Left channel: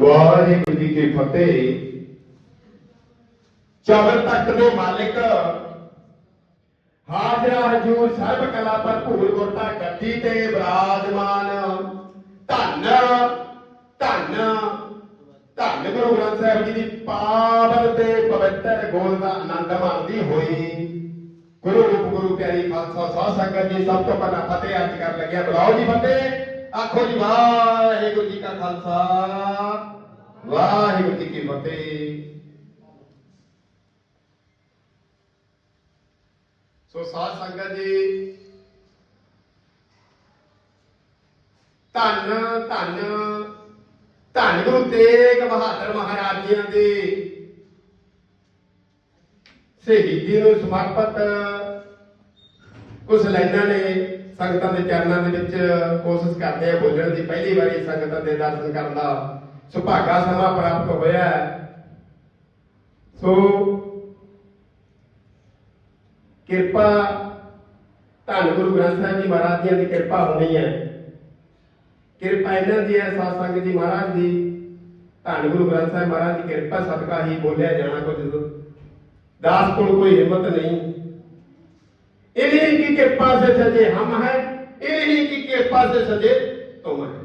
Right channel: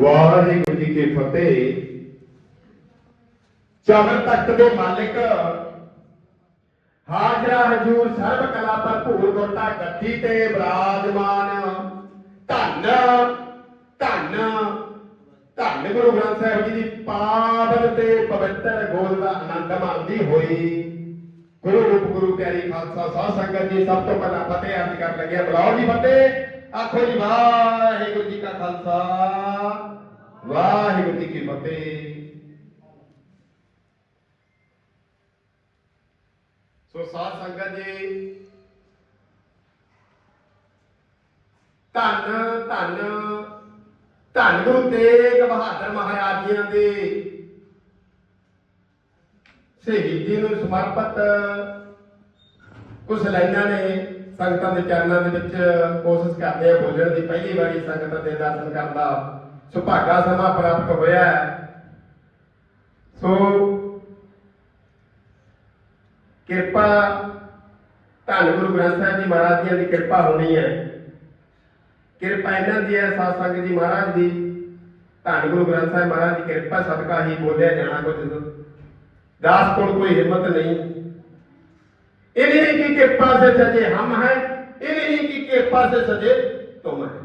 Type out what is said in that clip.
ਵਾਹਿਗੁਰੂ ਜੀ ਕੀ ਫਤਿਹ। ਚਰਨ ਤਖਤ ਦੇ ਮਾਲਿਕ ਹਾਜ਼ਰ ਹਜੂਰ ਸਰਬ ਕਲਾ ਭਰਪੂਰ ਗੋਟਾ ਗੱਦੀ ਤੇ ਬਿਰਾਜਮਾਨ। ਧੰਨ ਧੰਨ ਧੰਨ ਗੁਰੂ ਗ੍ਰੰਥ ਸਾਹਿਬ ਜੀ ਦੀ ਪਾਵਨ ਤੇ ਪਵਿੱਤਰ ਗੋਲ ਦਾ ਆਨੰਦ ਮਾਣਦੀ ਹੋਈ ਗੁਰੂ ਰੂਪ ਗੁਰੂ ਪਿਆਰੀ ਖਾਲਸਾ ਸਾਧ ਸੰਗਤ ਜੀ ਸਭ ਤੋਂ ਪਹਿਲਾਂ ਫਤਿਹ ਅਰਜ਼ ਕਰਨ ਲੱਗਿਆ। ਬੁਲਾਓ ਜੀ ਫਤਿਹ। ਆਖੋ ਜੀ ਵਾਹਿਗੁਰੂ ਜੀ ਕਾ ਖਾਲਸਾ। ਵਾਹਿਗੁਰੂ ਜੀ ਕੀ ਫਤਿਹ। ਸੋ ਸਾਧ ਸੰਗਤ ਜੀ, ਧੰਨ ਧੰਨ ਧੰਨ ਗੁਰੂ ਤੇਗ ਬਹਾਦਰ ਮਹਾਰਾਜ ਜੀ ਦੇ ਸ਼ਹੀਦੀ ਨੂੰ ਸਮਰਪਿਤ ਕੁਝ ਲਾਈਨਾਂ ਨੇ ਸੰਗਤਾਂ ਦੇ ਚਰਨਾਂ ਦੇ ਵਿੱਚ ਕੋਸ਼ਿਸ਼ ਕਰਦੇ ਆ ਬੋਲਣ ਦੀ। ਪਹਿਲੀ ਵਾਰੀ ਸੰਗਤਾਂ ਦੇ ਦਰਸ਼ਨ ਕਰਨ ਦਾ ਸੁਭਾਗਾ ਸਮਾਂ ਪ੍ਰਾਪਤ ਹੋਇਆ ਹੈ ਸੋ ਕਿਰਪਾ ਧੰਨ ਗੁਰੂ ਗ੍ਰੰਥ ਸਾਹਿਬ ਜੀ ਮਹਾਰਾਜ ਜੀ ਦੀ ਕਿਰਪਾ ਹੋਣੀ ਹੈ ਕਿਰਪਾ ਇਹਨਾਂ ਦੀ ਹੈ ਸਾਧ ਸੰਗਤ ਜੀ ਮਹਾਰਾਜ ਦੀ ਧੰਨ ਗੁਰੂ ਗ੍ਰੰਥ ਸਾਹਿਬ ਮਹਾਰਾਜ ਦੀ ਕਿਰਪਾ ਸਦਕਾ ਹੀ ਬੋਲਿਆ ਜਾਣਾ ਕੁਝ ਦਾਸ ਕੋਲ ਕੋਈ ਹਿੰਮਤ ਨਹੀਂ ਇਹ ਨਹੀਂ ਕਿ ਕਿਰਪਾ ਸੇ ਸਜੇ ਹਮ ਹੈ ਇਹ ਨਹੀਂ ਕਿ ਕਿਰਪਾ ਸੇ ਸਜੇ ਤੁਮ ਹੈ